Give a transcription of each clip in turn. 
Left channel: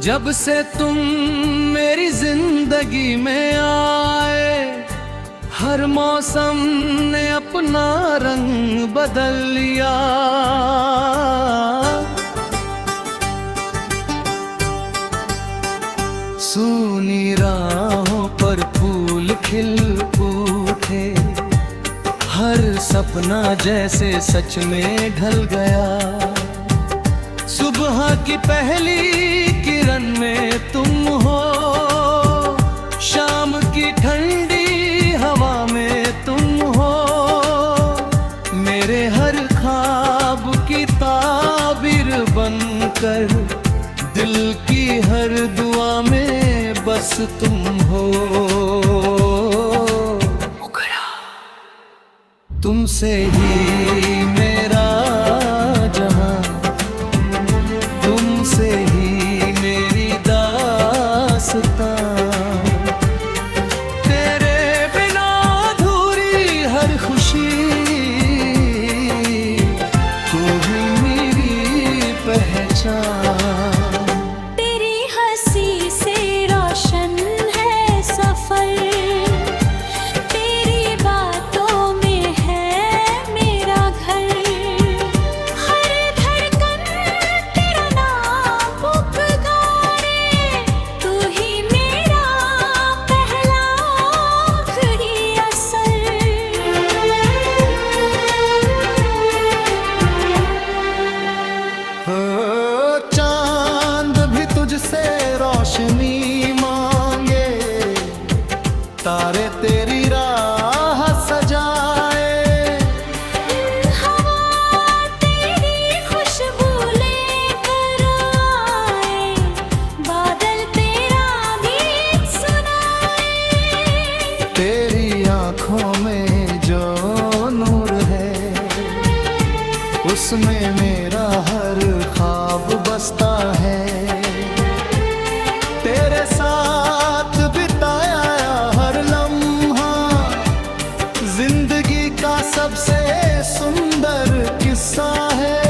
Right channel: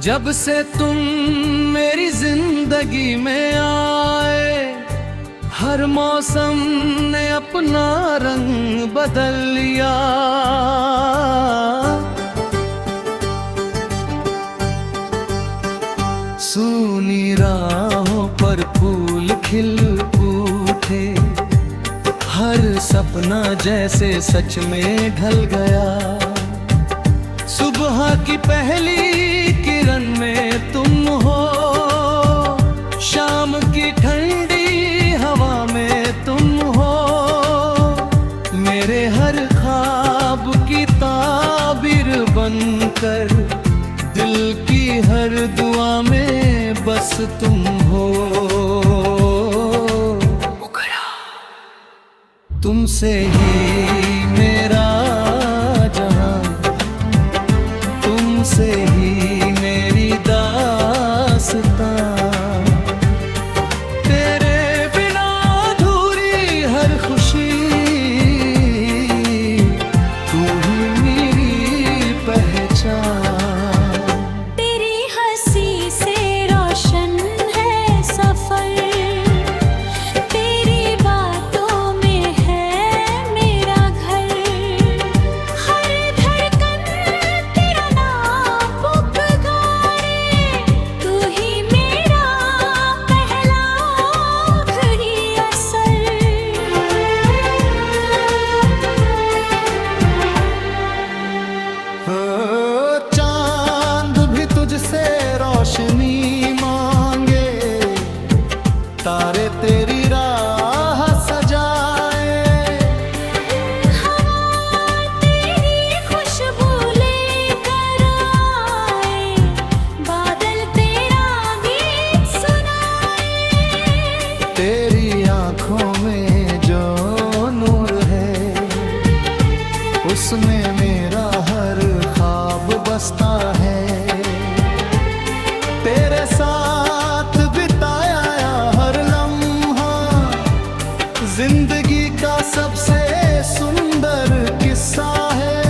जब से तुम मेरी जिंदगी में आए, हर मौसम ने अपना रंग बदल लिया। सूनी राहों पर फूल खिल उठे, हर सपना जैसे सच में ढल गया। सुबह की पहली किरण में तुम हो, शाम की ठंडी हवा में तुम हो। मेरे हर ख्वाब की ताबीर बनकर, दिल की हर दुआ में बस तुम हो। तुमसे ही मेरा जहां, तुमसे ही मेरी दास्तां। तेरे बिना अधूरी हर खुशी, तू ही मेरी पहचान। तेरी हंसी से रोशन है सफर, तेरी बातों में है मेरा घर। हर धड़कन तेरा नाम पुकारे, तू ही मेरा पहला आखिरी असर। चांद भी तुझसे रोशनी मांगे, तारे तेरी राह सजाए। हवा तेरी खुशबू लेकर आए, बादल तेरा गीत सुनाए। तेरी आंखों में जो नूर है, उसमें मेरा हर ख्वाब बसता है। तेरे साथ बिताया हर लम्हा, जिंदगी का सबसे सुंदर किस्सा है।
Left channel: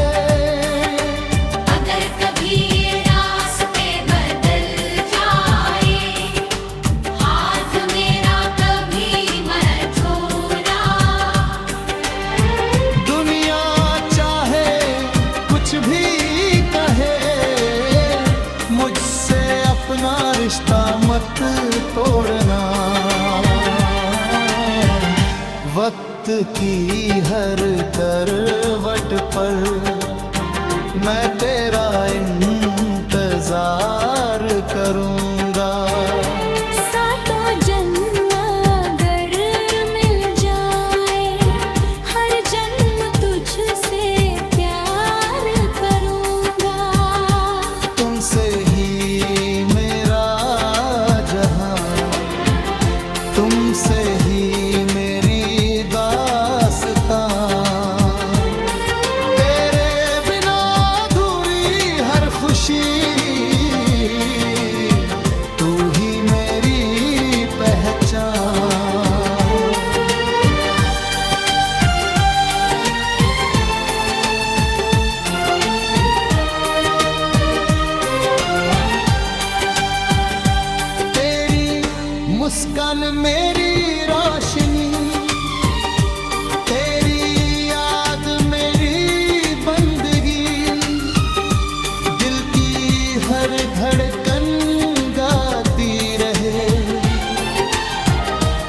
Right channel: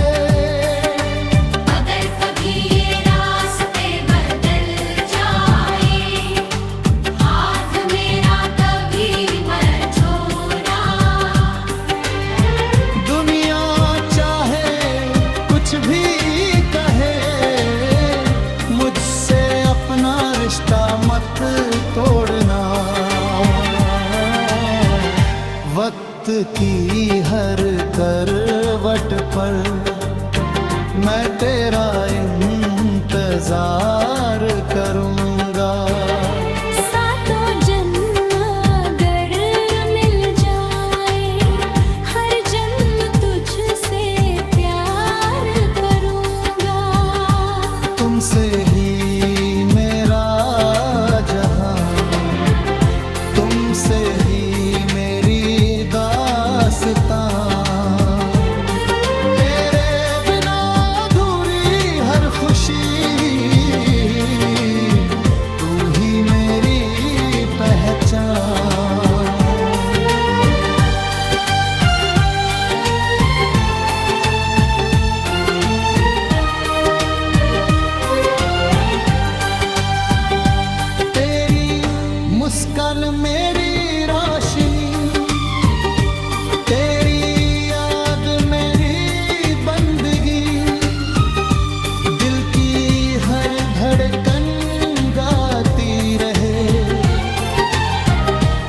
अगर कभी ये रास्ते बदल जाए, हाथ मेरा कभी मत छोड़ना। दुनिया चाहे कुछ भी कहे, मुझसे अपना रिश्ता मत तोड़ना। वक्त की हर करवट पर मैं तेरा इंतजार करूंगा। सातों जन्म अगर मिल जाए, हर जन्म तुझसे प्यार करूंगा। तुमसे ही मेरा जहां, तुमसे ही मेरी दास्तां। तेरे बिना अधूरी हर खुशी, तू ही मेरी पहचान। मुस्कान मेरी रोशनी, तेरी याद मेरी बंदगी। दिल की हर धड़कन गाती रहे,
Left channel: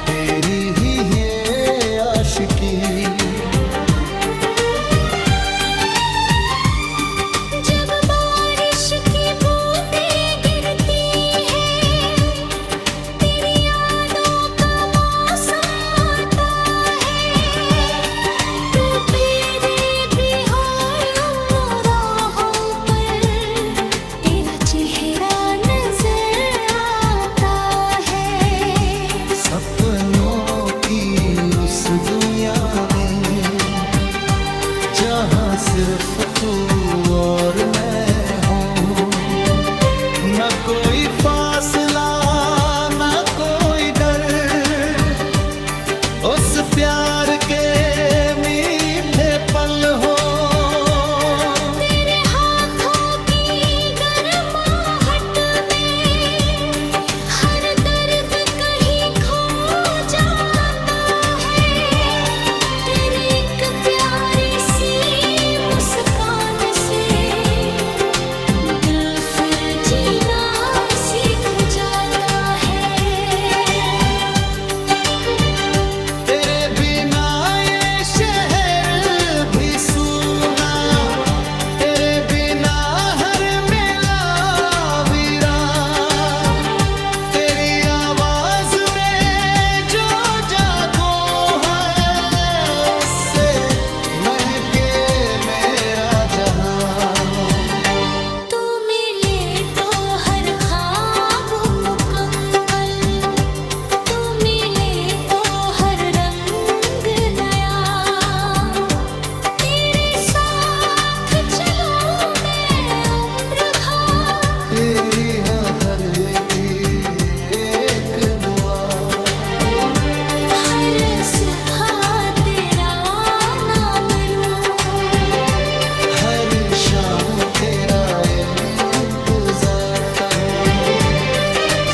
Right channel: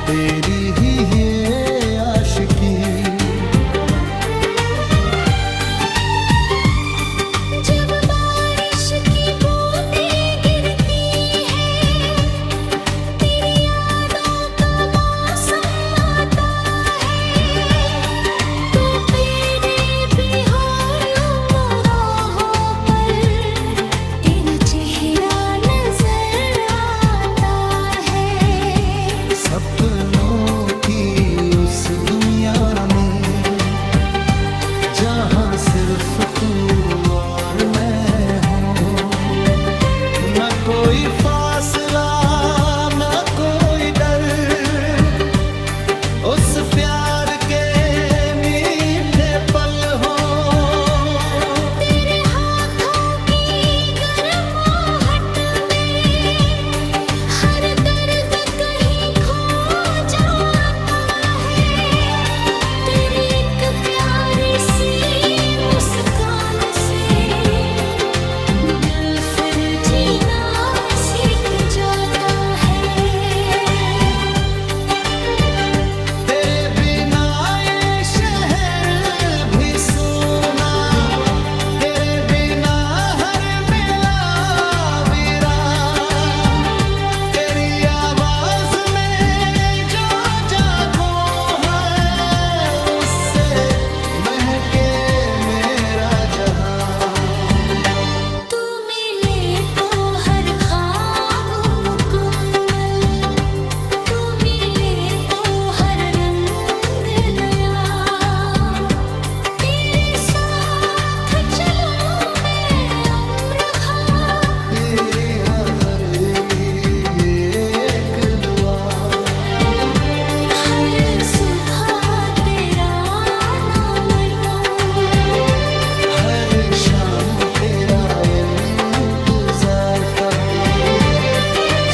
तेरी ही ये आशिकी। जब बारिश की बूंदें गिरती है, तेरी यादों का मौसम आता है। तू मेरे भी हो राहों पर, तेरा चेहरा नजर आता है। सपनों की उस दुनिया में, जहाँ सिर्फ तू और मैं हूँ। न कोई फासला न कोई डर, उस प्यार के मीठे पल हो। तेरे हाथों की गर्माहट में हर दर्द कहीं खो जाता है। तेरी एक प्यारी सी मुस्कान से दिल फिर जीना सीख जाता है। तेरे बिना ये शहर भी सूना, तेरे बिना हर मेला वीरान। तेरी आवाज में जो जागो है, उससे महके मेरा जहां। तू मिले तो हर ख्वाब मुकम्मल, तू मिले तो हर रंग नया। तेरे साथ चलूं मैं उम्र भर, तेरी हर एक दुआ, हर सुबह तेरा नाम लूं। हर शाम तेरा इंतजार करूं।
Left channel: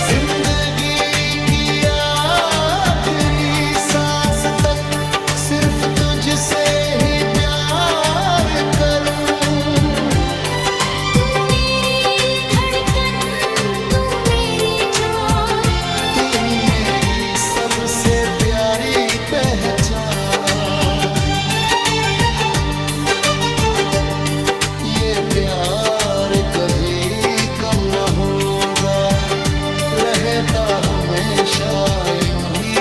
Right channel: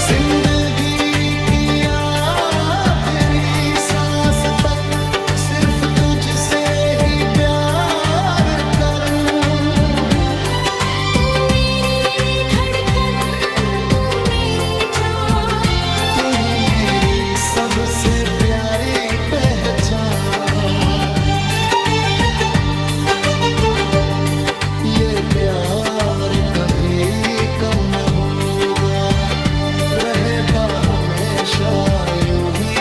जिंदगी की आखिरी सांस तक सिर्फ तुझसे ही प्यार करूं। तू मेरी धड़कन, तू मेरी जान, तू ही मेरी सबसे प्यारी पहचान। ये प्यार कभी कम न होगा, रहता हमेशा यूं ही